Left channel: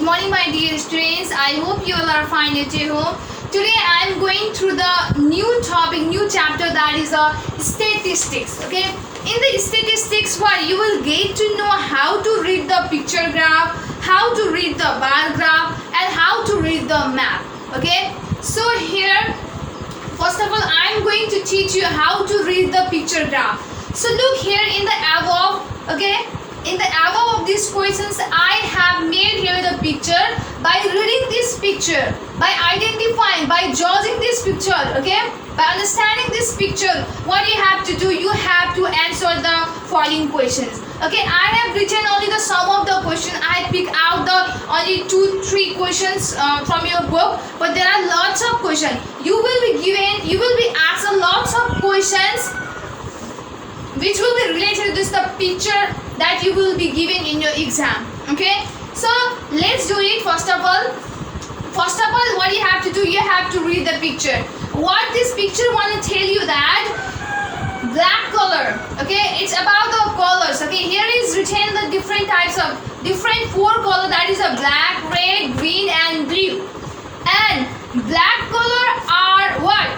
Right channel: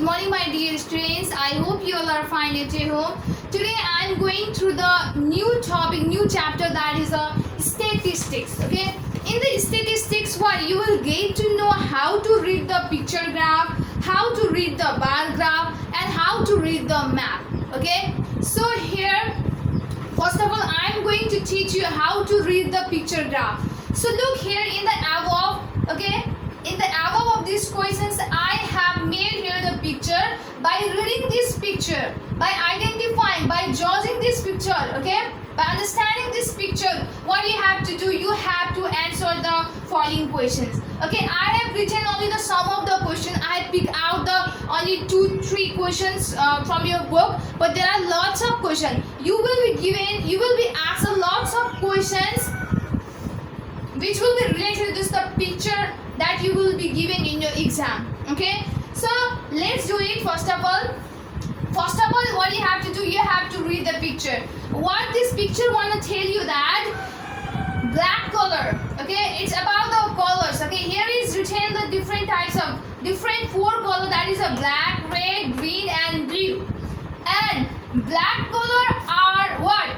Good morning, my dear students. I hope you all are fine at home. Today I am going through the new topic, new chapter, that is statistics. Okay. In the statistics, what you will get to know how to read the picture graph, how to read the bar graph, and how to read the map. Okay. So here, first of all, I am going to teach you how to read the picture graph. So look here in the above. Okay. In the above of these questions, I have made here the picture. By reading this picture, by identifying, by judging this picture, okay, by understanding this picture, what you have to do, you have to answer the following questions. Okay, I have written only the sum of the question. I pick out the only 2-3 questions from your book, but there are lots of questions. You will be asked a lots of questions which will be related to this the picture that you will be given in your exam. Okay, so let's do it. First of all, what you have to do, you have to read the picture. What this picture want to tell you that black color, okay, it's about the colors. Okay, here is written the different types of different 4 color, that is a black, red, green and blue. And black color are what?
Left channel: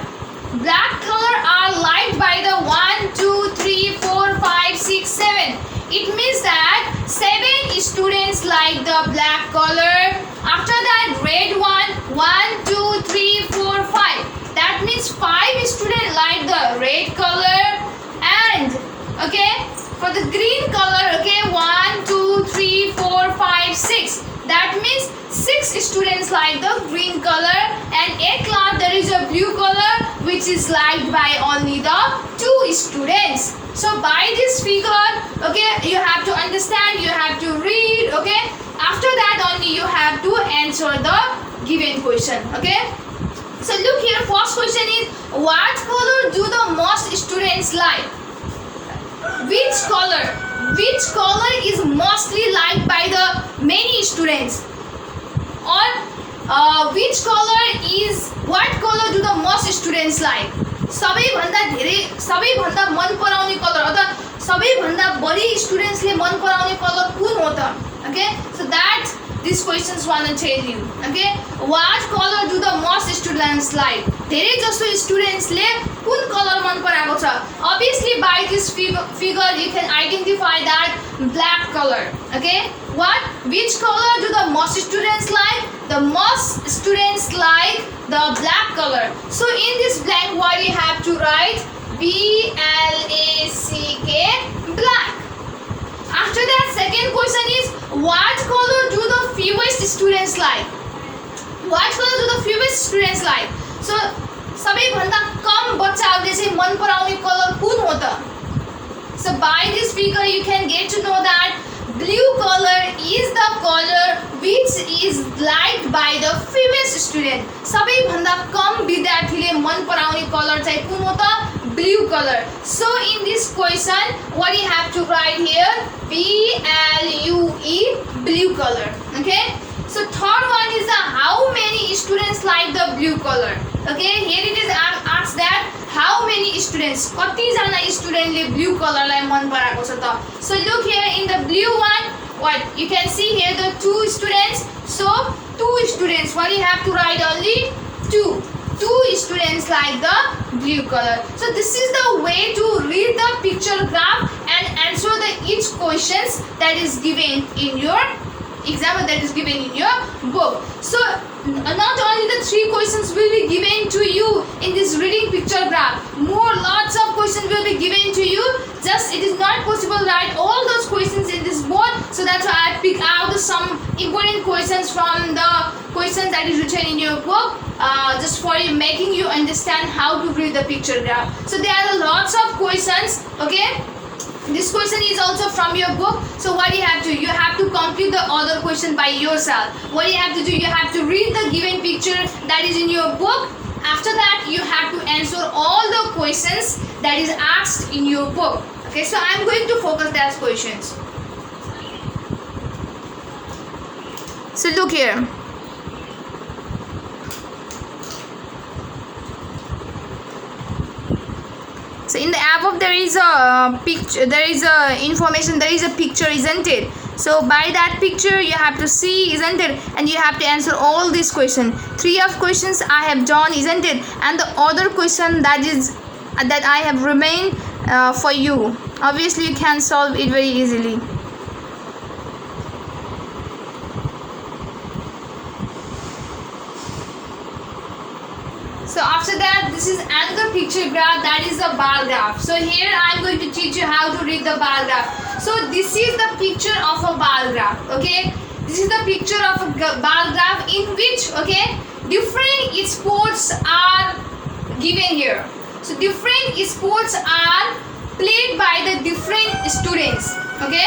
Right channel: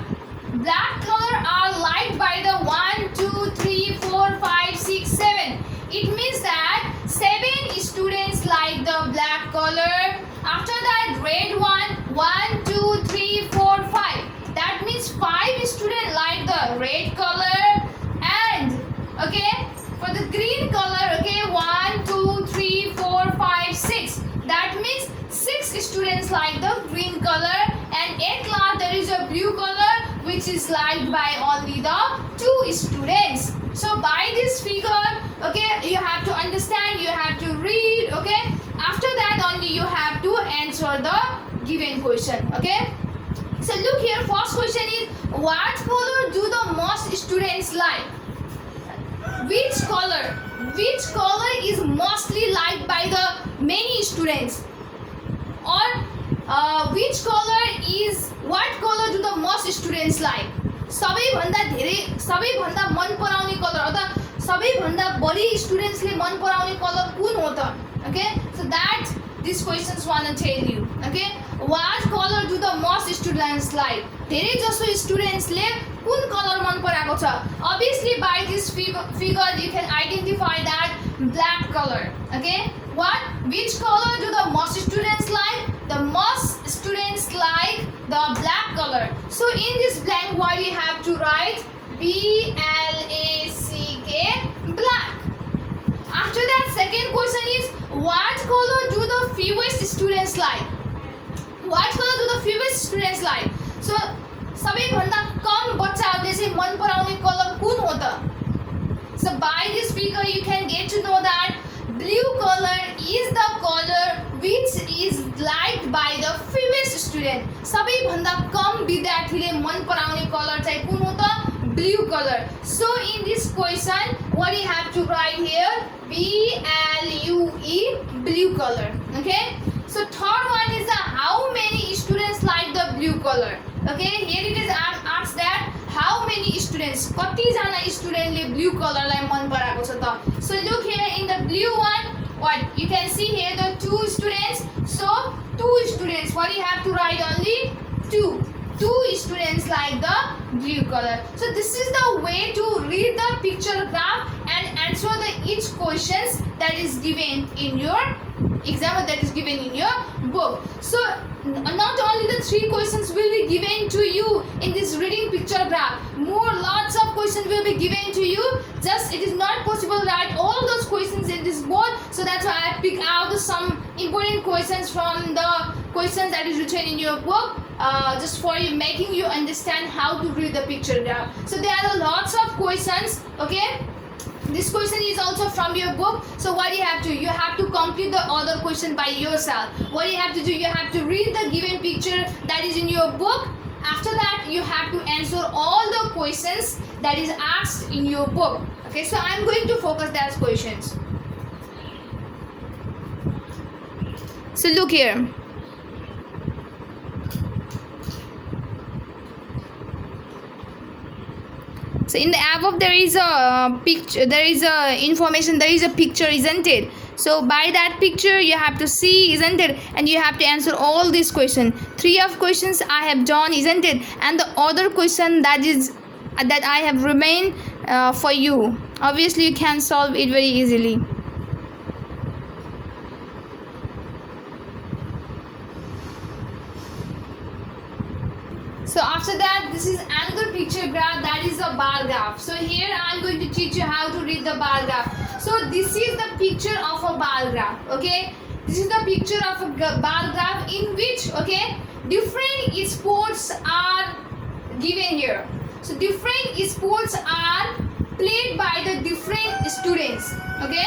Black color are light by the 1 2 3 4 5 6 7. It means that 7 students like the black color. After that, red one, 1 2 3 4 5. That means 5 students like the red color. And okay, for the green color, okay, 1 2 3 4 5 6. That means 6 students like the green color. And at last there is a blue color which is liked by only the 2 students. So by this figure, okay, you have to understand, you have to read, okay. After that only you have to answer the given question, okay. So look here, first question is, what color do the most students like? Which color is mostly liked by the many students? Or what color do the most students like? सबैभन्दा मन पराउने colour अथवा सबैभन्दा बढी स्टुडेन्ट्सले मन पराउने colour कुन हो त? Okay, so that these questions want to tell you. Okay, what color do the most students like? धेरै जसो स्टुडेन्ट्सले कुन कलर मन पराएको छ? Obviously by this figure you can identify that black color. Okay, which color do the most students like? The most students like the black color. So in this blank, what you have to write? BLACK, black. After that, second question is, what color do the fewest students like? What color do the fewest students like? So सबैभन्दा कम बच्चाहरूले चाहिँ मन पराउने colour कुन हो त? So by this figure you can get to know that blue color is the color which is liked by the fewest student. सबैभन्दा कम विद्यार्थीले मन पराउने कलर चाहिँ कुन हो त? Blue color. So in this question, what you have to write here? BLUE, blue color. Okay. So third one is how many students like the blue color? Okay. Here it is asked that how many students? कति जना स्टुडेन्टले blue कलरलाई मन पराएको छ त? So look here in the blue one, what you can see here the 2 students. So 2 students. What you have to write only 2 students like the blue color. So this is the way to read the picture graph and answer each questions that is given in your exam, or that is given in your book. So not only the 3 questions will be given to you in this reading picture graph, lots of questions will be given to you. Just it is not possible to write all those questions in this board, so that's why I pick out some important questions from the questions that is written in your book, just for making you understand how to read the picture graph. So there are lots of questions, okay. This question is also from your book. So what you have to complete the other question by yourself. What you have to do, you have to read the given picture that is in your book. After that, you have to answer all the questions that is asked in your book. Okay, so I am going to focus those questions. So look here. So in the above there is a picture, there is a information, there is a picture, isn't it? So by that picture you have to see, isn't it? And you have to answer all these questions. 3 of questions I have done, isn't it? And the other question that I have remained for you. Obviously you can solve it very easily. So after that, this is another picture graph, that is a bar graph. So here I am going to teach you how to read the bar graph. So this is the picture of a bar graph, okay? This is the picture of a bar graph in which, okay, different sports are given here. So different sports are played by the different students, okay?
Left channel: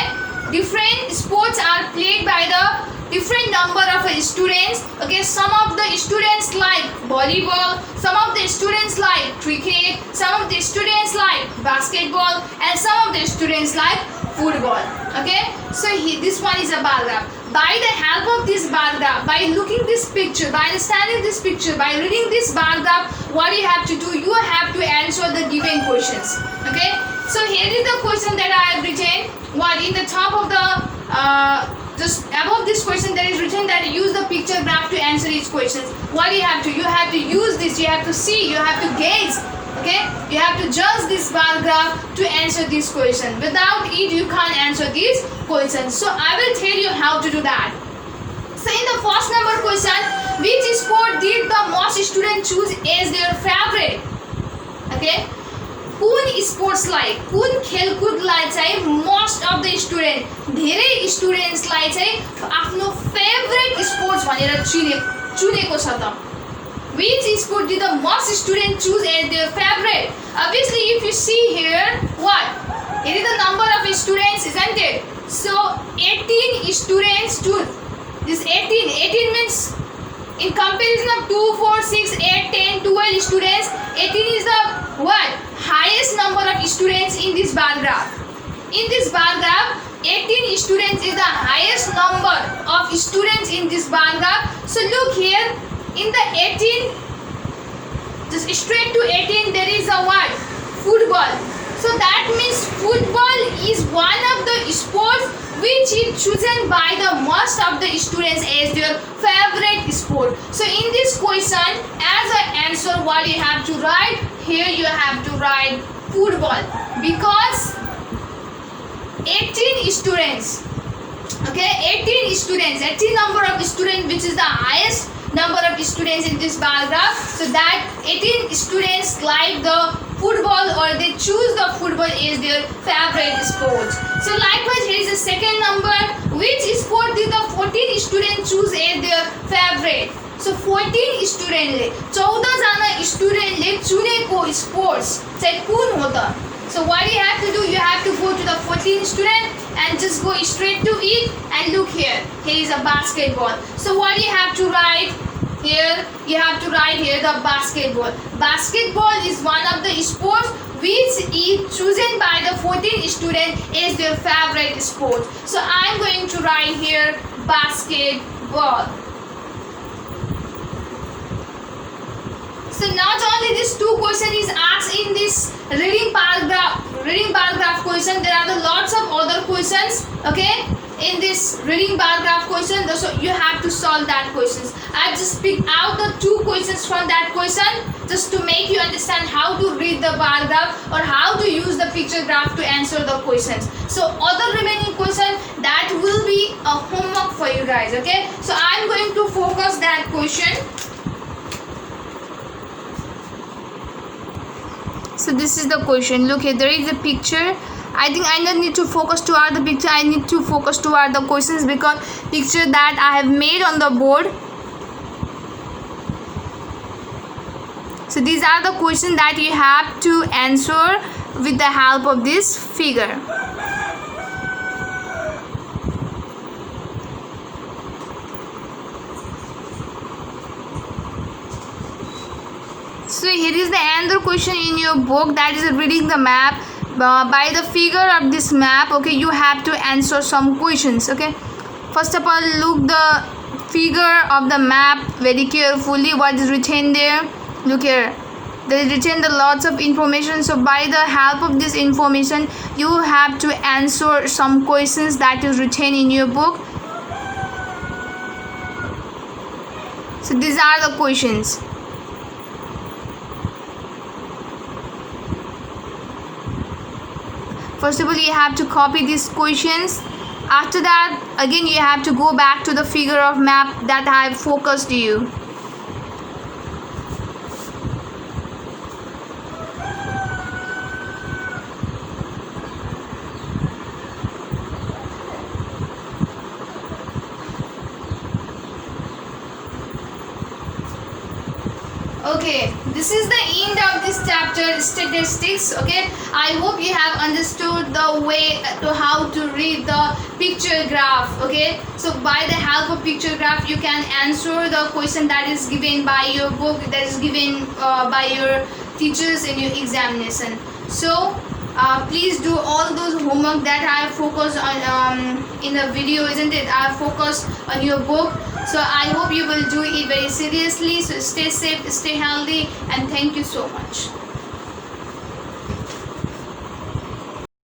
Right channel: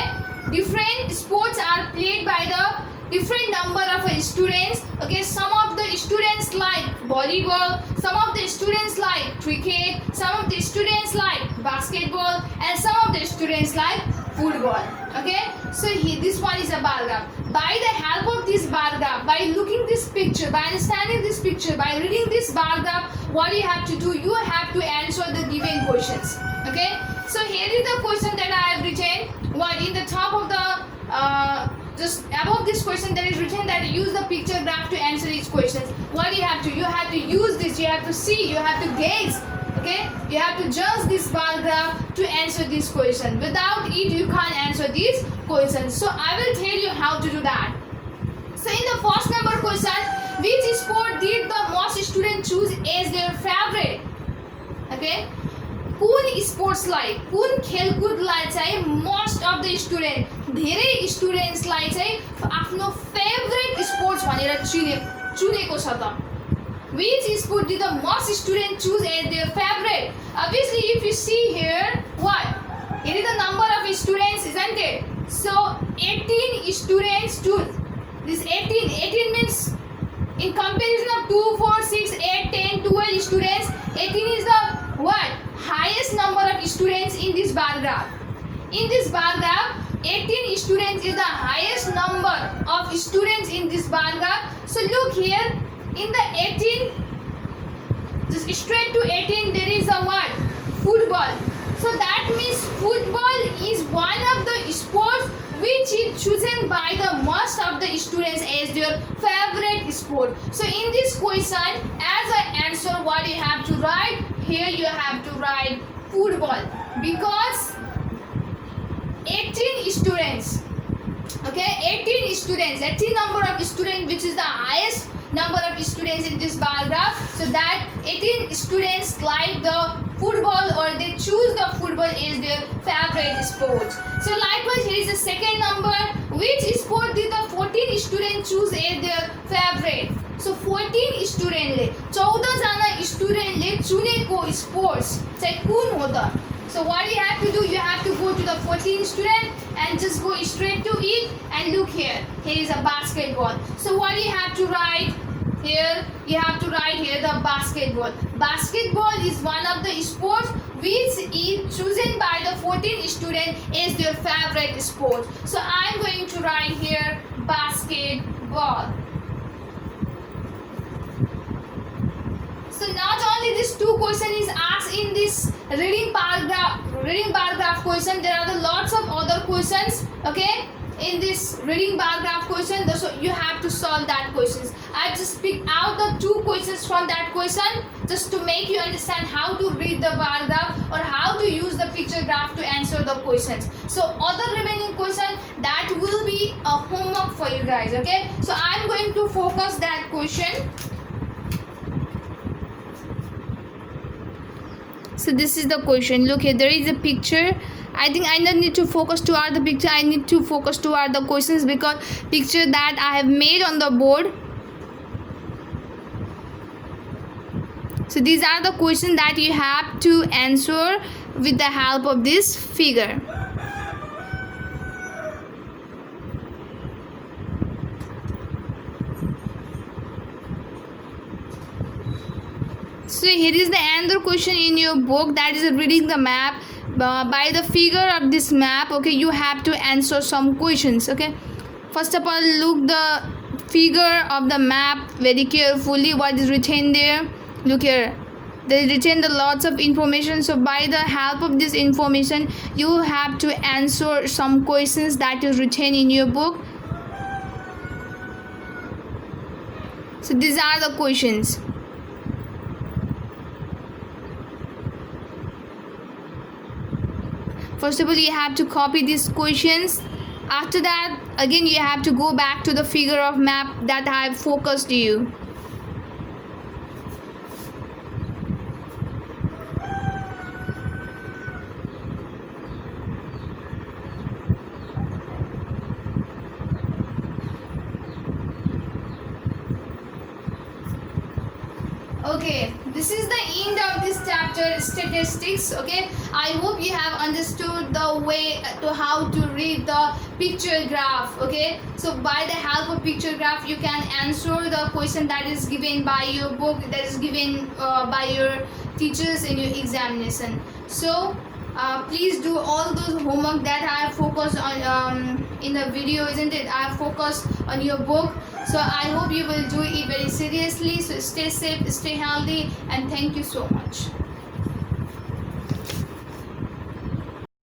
Different sports are played by the different number of students, okay? Some of the students like volleyball, some of the students like cricket, some of the students like basketball, and some of the students like football, okay? So this one is a bar graph. By the help of this bar graph, by looking this picture, by understanding this picture, by reading this bar graph, what you have to do, you have to answer the given questions, okay? So here is the question that I have written. What in the top of the just above this question there is written that use the picture graph to answer each question. What you have to use this, you have to see, you have to gaze, okay? You have to judge this bar graph to answer this question. Without it you can't answer these questions. So I will tell you how to do that. So in the first number question, which sport did the most students choose as their favorite? Okay? कुन स्पोर्ट्सलाई, कुन खेलकुदलाई चाहिँ most of the student, धेरै स्टुडेन्ट्सलाई चाहिँ आफ्नो favourite sports भनेर चुनेको छ त. Which sport did the most students choose as their favorite? Obviously, if you see here, what? It is the number of students, isn't it? So 18 students choose. This 18 means in comparison of 2, 4, 6, 8, 10, 12 students, 18 is the what? Highest number of students in this bar graph. In this bar graph, 18 students is the highest number of students in this bar graph. So look here, in the 18, just straight to 18, there is a what? Football. So that means football is one of the sports which is chosen by the most of the students as their favorite sport. So in this question, as an answer, what you have to write? Here you have to write football, because 18 students, okay, 18 students, 18 number of students, which is the highest number of students in this bar graph. So that 18 students like the football, or they choose the football as their favorite sport. So likewise, here is the second number. Which sport did the 14 students choose as their favorite? So 14 student, 14 जना स्टुडेन्टले चुनेको sports चाहिँ कुन हो त? So what you have to do, you have to go to the 14 student and just go straight to it, and look here. Here is a basketball. So what you have to write here? You have to write here the basketball. Basketball is one of the sports which is chosen by the 14 student as their favorite sport. So I am going to write here basketball. So not only this two question is asked in this reading paragraph question, there are lots of other questions, okay, in this reading paragraph question. So you have to solve that questions. I just picked out the two questions from that question just to make you understand how to read the paragraph or how to use the picture graph to answer the questions. So other remaining question, that will be a homework for you guys, okay. So I am going to focus that question. So this is the question. Look here, there is a picture. I think I don't need to focus toward the picture. I need to focus toward the questions, because picture that I have made on the board. So these are the questions that you have to answer with the help of this figure. So here is the another question in your book, that is reading the map. By the figure of this map, okay, you have to answer some questions, okay. First of all, look the figure of the map very carefully, what is written there. Look here, they retain the lots of information. So by the help of this information, you have to answer some questions that is written in your book. So these are the questions. First of all, you have to copy these questions. After that, again you have to go back to the figure of map that I have focused you. Okay, this is the end of this chapter, statistics. Okay, I hope you have understood the way to how to read the picture graph. Okay, so by the help of picture graph, you can answer the question that is given by your book, that is given by your teachers in your examination. So please do all those homework that I focused on in the video, isn't it? I focused on your book. So I hope you will do it very seriously. So stay safe, stay healthy, and thank you so much.